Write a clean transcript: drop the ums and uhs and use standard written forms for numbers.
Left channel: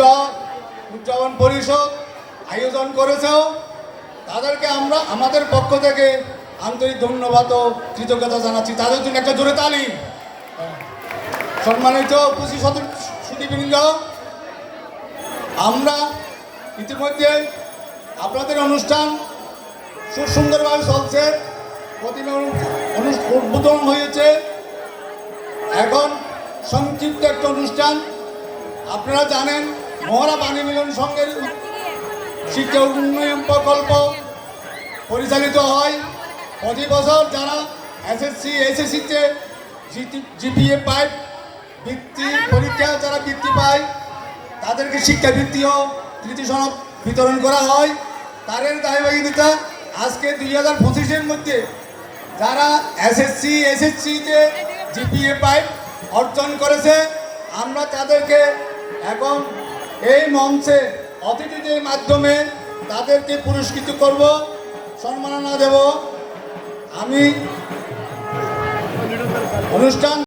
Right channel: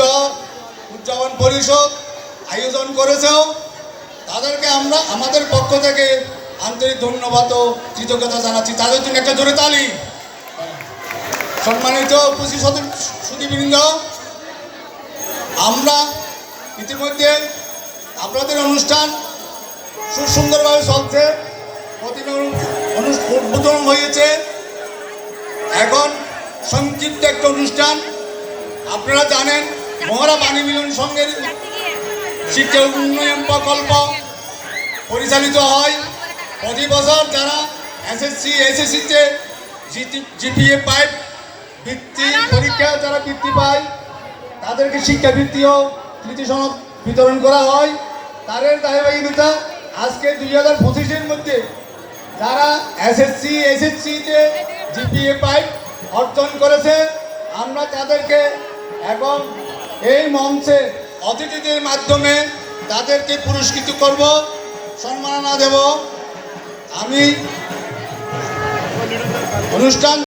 পূজা উদযাপন পরিষদ আয়োজন করেছে। তাদেরকে আমরা আমাদের পক্ষ থেকে আন্তরিক ধন্যবাদ ও কৃতজ্ঞতা জানাচ্ছি। তাদের জন্য একটা জোরে তালি। সম্মানিত উপস্থিত সুধীবৃন্দ, আমরা ইতিমধ্যে আপনাদের অনুষ্ঠান খুব সুন্দরভাবে চলছে, প্রতিমা উদ্বোধন হয়েছে। এখন সংক্ষিপ্ত একটা অনুষ্ঠান, আপনারা জানেন মহড়া পানি মিলন সংঘের শিক্ষা উন্নয়ন প্রকল্প পরিচালিত হয় প্রতি বছর। যারা এসএসসি এসএসসিতে জিপিএ পায়, বৃত্তি পরীক্ষা যারা বৃত্তি পায় তাদেরকে শিক্ষাবৃত্তি ও কৃতি সনদ বিতরণ করা হয়। তাদের ধারাবাহিকতা আজকে 2025-এর মধ্যে যারা এসএসসি এসএসসিতে জিপিএ পায় অর্জন করেছে, আমরা তাদেরকে এবং এই মঞ্চে অতিথিদের মাধ্যমে তাদেরকে পুরস্কৃত করব, সম্মাননা দেব। আমি অনুষ্ঠান